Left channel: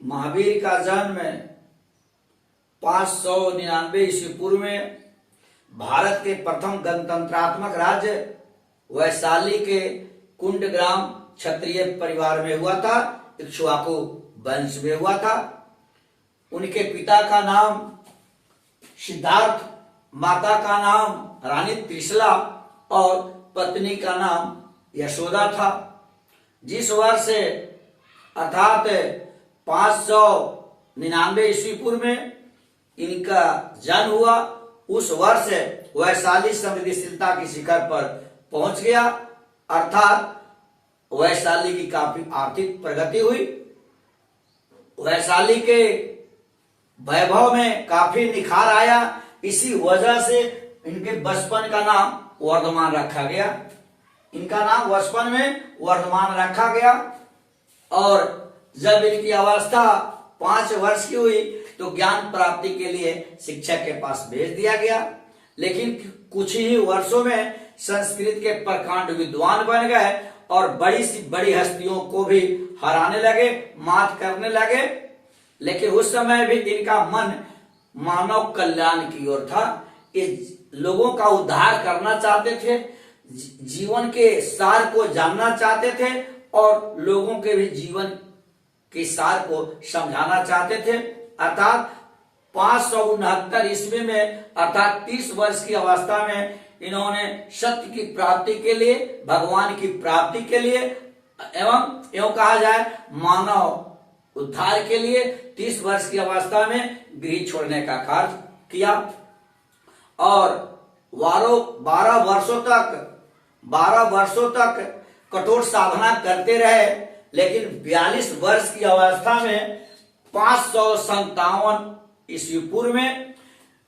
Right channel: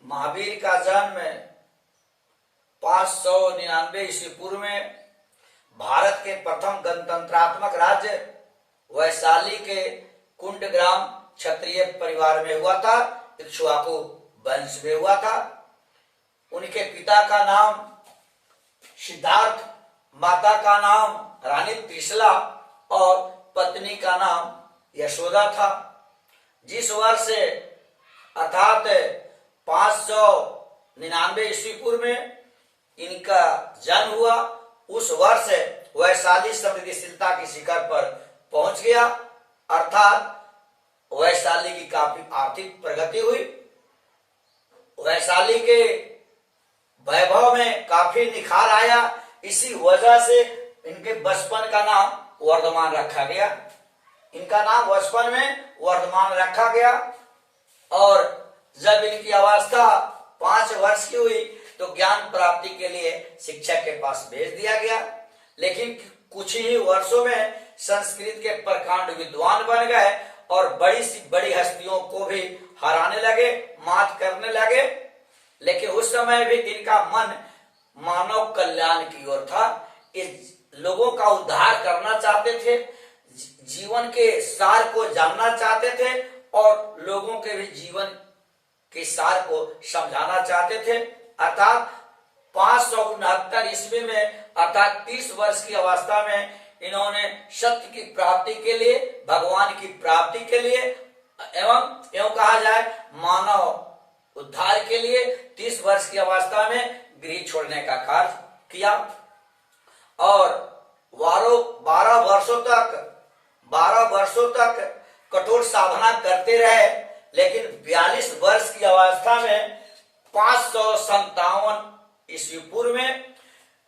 महावीर का जन्म 599 ईस्वी पूर्व में भारत के प्रथम गणतंत्रात्मक राज्य वैशाली के कुंड ग्राम क्षत्रिय परिवार में हुआ था। इक्ष्वाकु वंश में हुआ था। उनके पिता का नाम सिद्धार्थ, माता का नाम रानी त्रिशला और पत्नी का नाम यशोदा था। जिस वर्ष अर्थात 599 ईस्वी पूर्व में इनका जन्म हुआ, उस वर्ष वैशाली समृद्धिशीलता की शिखर पर पहुंच गया, अर्थात वैशाली की काफी आर्थिक प्रगति हुई। वैशाली के वैभव में काफी निखार आया। इसी वजह से इनके बचपन का नाम वर्धमान रखा गया। इनका नाम बचपन में वर्धमान रखा गया और जब इनकी अवस्था 5 वर्ष की हुई तो ज्ञान प्राप्ति के लिए शिक्षक के पास भेज दिया गया। लेकिन कुछ ही वर्षों में संस्कृत के प्रकांड विद्वान बन गए और बड़ी सी बड़ी हस्तियों को भी हराने लगे, मात करने लगे। लेकिन उस समय भी इनका मन मानव कल्याण की ओर था। इस लोगों का उद्धार करना चाहते थे, जीवन के सार को जानना चाहते थे और लोगों के भी जीवन के सार को समझाना चाहते थे। अर्थात 569 ईस्वी में अर्थात 30 वर्ष की अवस्था में इन्होंने सत्य की प्राप्ति के लिए, भगवान की प्राप्ति के लिए एवं यूं कहा जाए मानव उद्धार के लिए 30 वर्ष की अवस्था में गृह छोड़ने का कार्य किया और 12 वर्षों तक कठोर साधना करते रहे। लेकिन 42 वर्ष की अवस्था में 557 ईस्वी पूर्व में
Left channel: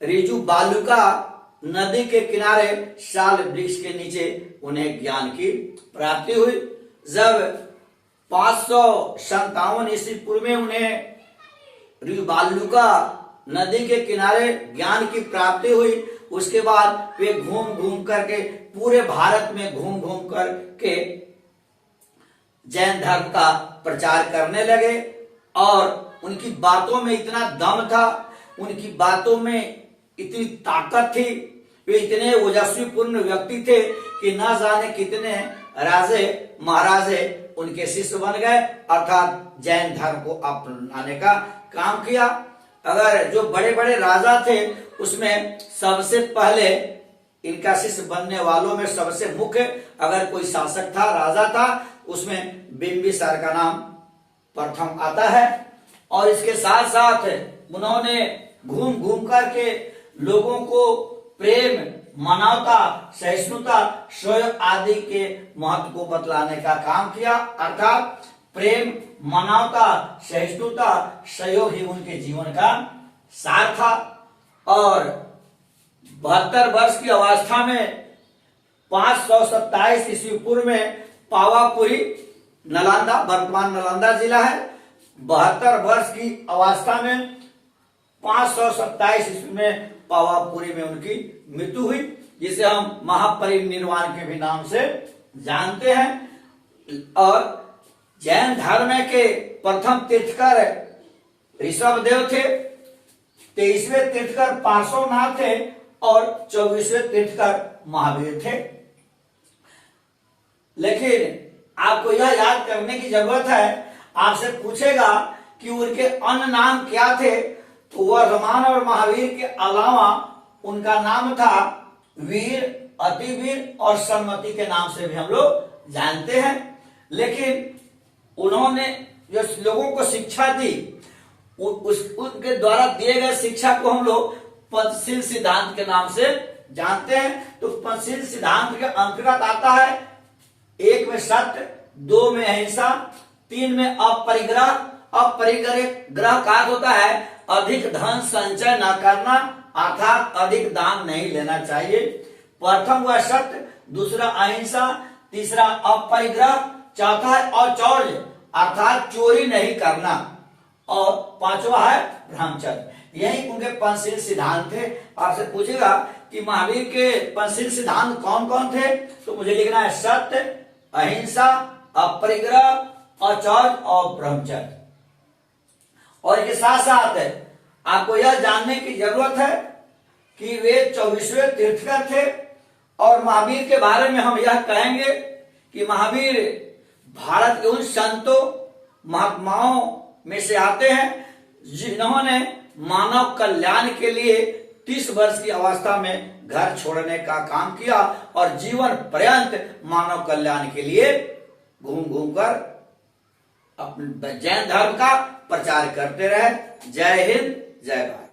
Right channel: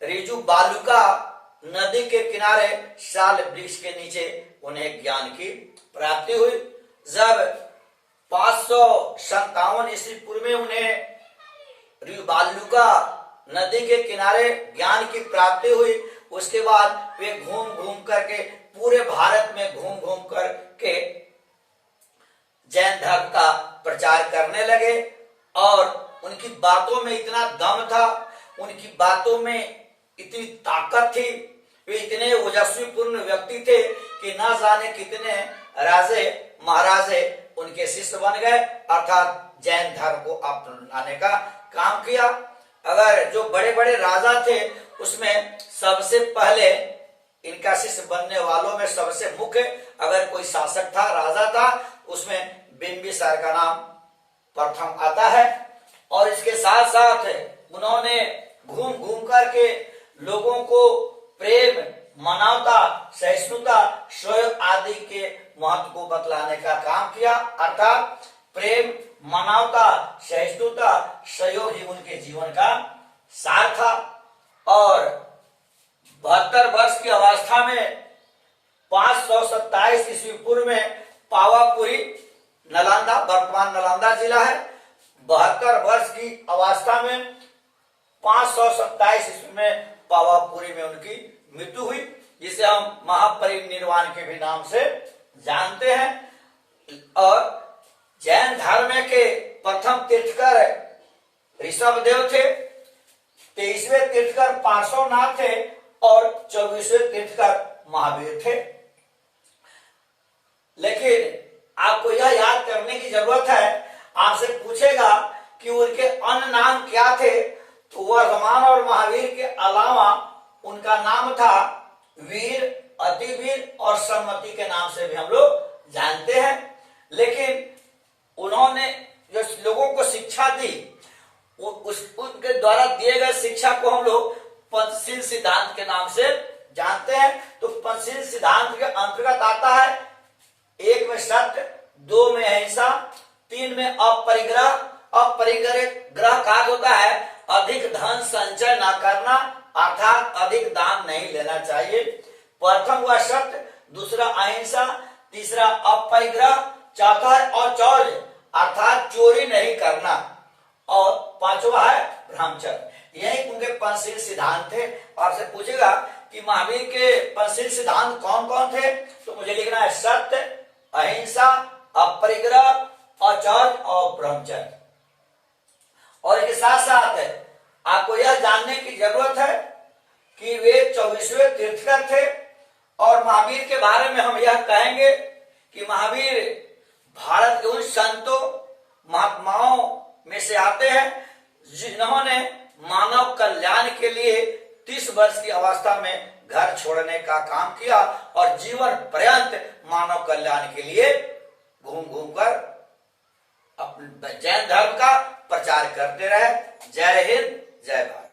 रिजु बालुका नदी के किनारे साल वृक्ष के नीचे उन्हें ज्ञान की प्राप्ति हुई। जब 557 ईस्वी पूर्व में उन्हें रिजु बालुका नदी के किनारे ज्ञान की प्राप्ति हुई, उसके बाद वे घूम घूम करके पूरे भारत में घूम घूम करके जैन धर्म का प्रचार करने लगे और उनकी बातों में इतना दम था, उनकी बातों में इतनी ताकत थी, वे इतने ओजस्वी पूर्ण व्यक्ति थे कि न जाने कितने राजे महाराजे उनके शिष्य बन गए, अर्थात जैन धर्म को अपनाने का काम किया। अगर जो बड़े बड़े राजा थे उसमें सबसे पहले इनका शिष्य बनने वालों में सबसे मुख्य अगर कोई शासक था, राजा था, उसमें बिंबिसार का नाम प्रथम आता है। और इसके साथ साथ उन्होंने घूम घूम करके लोगों को प्रेम, मानवता, सहिष्णुता, सहयोग आदि के महत्व को बतलाने का काम किया। अर्थात प्रेम, मानवता, सहिष्णुता, सहयोग ही उनके जीवन का सार था। और 72 वर्ष की अवस्था में 527 ईस्वी पूर्व में पावापुरी नालंदा, वर्तमान नालंदा जिला है, 72 वर्ष की अवस्था में 527 ईस्वी में पावापुरी में उनकी मृत्यु हुई, जिसे हम महापरिनिर्वाण के भी नाम से जानते हैं। और जैन धर्म के प्रथम तीर्थकर ऋषभदेव थे, 23वें तीर्थकर पार्श्वनाथ थे और 24वें तीर्थकर महावीर थे। लेकिन आपको यह याद करने की जरूरत है, आपसे पूछेगा कि उनके अन्य नाम क्या थे, तो वर्धमान और महावीर के अलावा उनका नाम था वीर, अतिवीर और सम्मति के नाम से भी हम लोग जानते हैं। लेकिन उन्होंने जो लोगों को शिक्षा दी, उनके द्वारा दिए गए शिक्षा को हम लोग पंचशील सिद्धांत के नाम से जानते हैं। तो पंचशील सिद्धांत के अंतर्गत आता है 1 में सत्य, 2 में अहिंसा, 3 में अपरिग्रह। अपरिग्रह का होता है अधिक धन संचय न करना, अर्थात अधिक दान नहीं लेना चाहिए। प्रथम हुआ सत्य, दूसरा अहिंसा, तीसरा अपरिग्रह, चौथा है औचौर्य अर्थात चोरी नहीं करना और पांचवा है ब्रह्मचर्य। यही उनके पंचशील सिद्धांत थे। आपसे पूछेगा कि महावीर के पंचशील सिद्धांत कौन कौन थे, तो मुझे लिखना है सत्य, अहिंसा, अपरिग्रह, औचौर्य और ब्रह्मचर्य। और इसके साथ साथ आपको यह जानने की जरूरत है कि वे 24वें तीर्थकर थे। और महावीर के बारे में हम यह कहेंगे कि महावीर भारत के उन संतों महात्माओं में से आते हैं जिन्होंने मानव कल्याण के लिए 30 वर्ष की अवस्था में घर छोड़ने का काम किया और जीवन पर्यंत मानव कल्याण के लिए घूम घूम कर अपने जैन धर्म का प्रचार करते रहे। जय हिंद, जय भारत।